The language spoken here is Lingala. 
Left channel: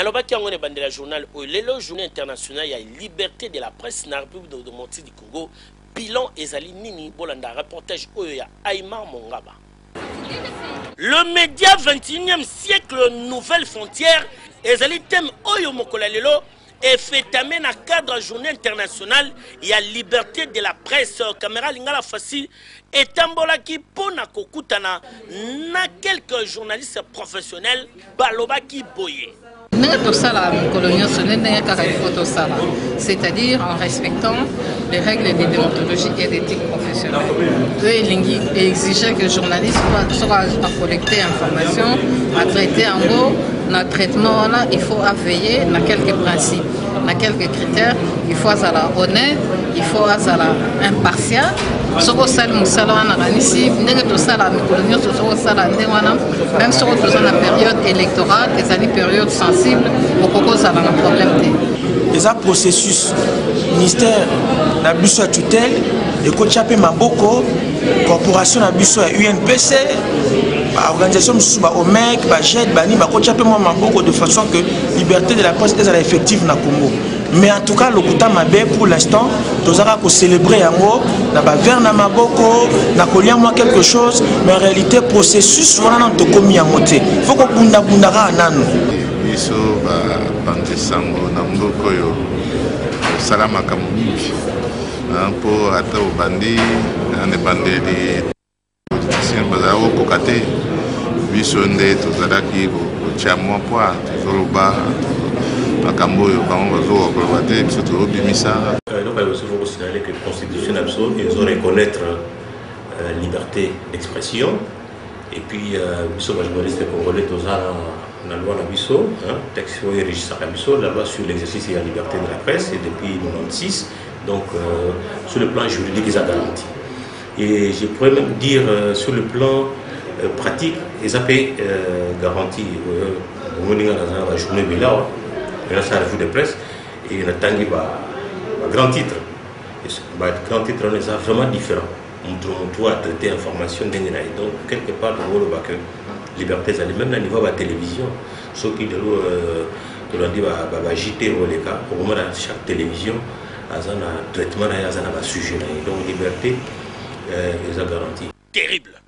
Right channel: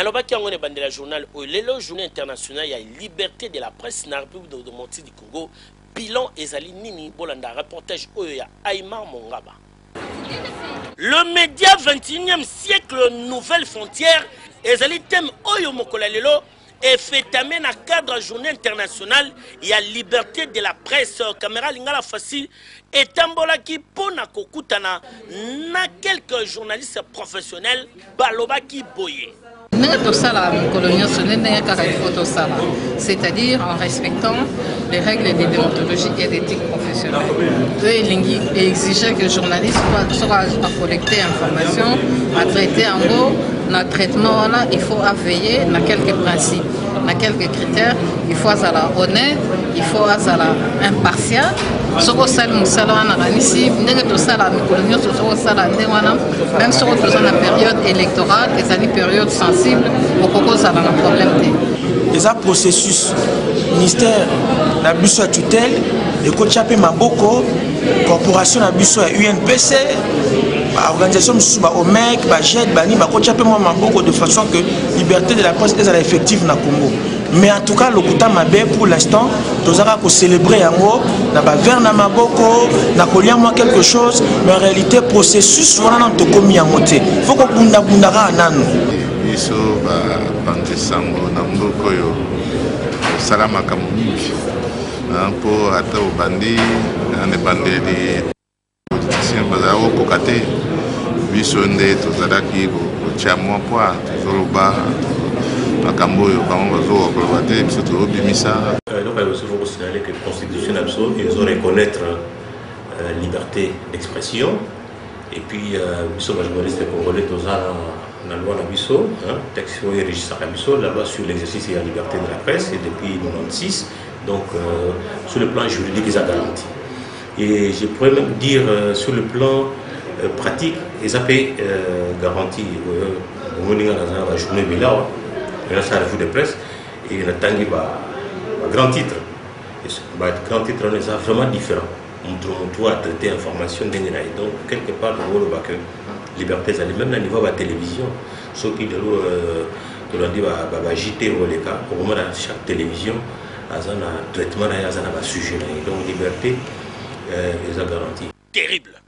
Nalobaki yango ne bandela journal Olelo journée internationale ya liberté de la presse na République démocratique du Congo bilan ezali nini bolanda reportage oyo ya Aymar Mongaba. Le média 21e siècle nouvelle frontière ezali thème oyo mokola lelo et fait amener à cadre journée internationale il y a liberté de la presse caméra lingala facile et tambola qui pona kokutana na quelques journalistes professionnels baloba qui boye. C'est-à-dire en respectant les règles de déontologie et d'éthique professionnelle. Eux exigeaient que le journaliste soit à collecter informations, à traiter en gros, dans le traitement, là, il faut veiller à quelques principes, à quelques critères. Il faut être honnête, il faut être impartial. Même si on est dans la période électorale, des années période sensible, on propose un problème. Les processus ministère na biso tutelle et kochape maboko corporation na biso UNPC organisation mususu ba OMEC ba JED bani ba kochape maboko de façon que liberté de la presse est effective na Congo. Mais en tout cas le kuta mabe pour l'instant tozaka ko célébrer yango na ba vers na maboko na kolia moi quelque chose mais en réalité processus wana na to komi yango te faut ko bunda ka nanu biso ba bandesango na mboko yo salama kamungi pour ata obandi na bandeli politicien bazao kokate biso nde tozalaki kotia mwa poa tozoloba makambo oyo bango bazokoloba te biso tozobimisa. Donc il faut considérer que la constitution absolue ils ont reconnaître liberté d'expression et puis biso ba journaliste congolais tozala la loi la biso texte régissant la biso la loi sur l'exercice et la liberté de la presse et depuis 1996 donc sur le plan juridique ils ont garanti et je pourrais même dire sur le plan pratique ils ont garanti la journée de là ça revue de presse et on a tangi grand titre grand titre on est vraiment différent on doit traiter information donc quelque part on voit que liberté même au niveau de la télévision ceux qui de l'eau va agiter les cas au moment de chaque télévision à un traitement à un sujet donc liberté ils ont garanti terrible.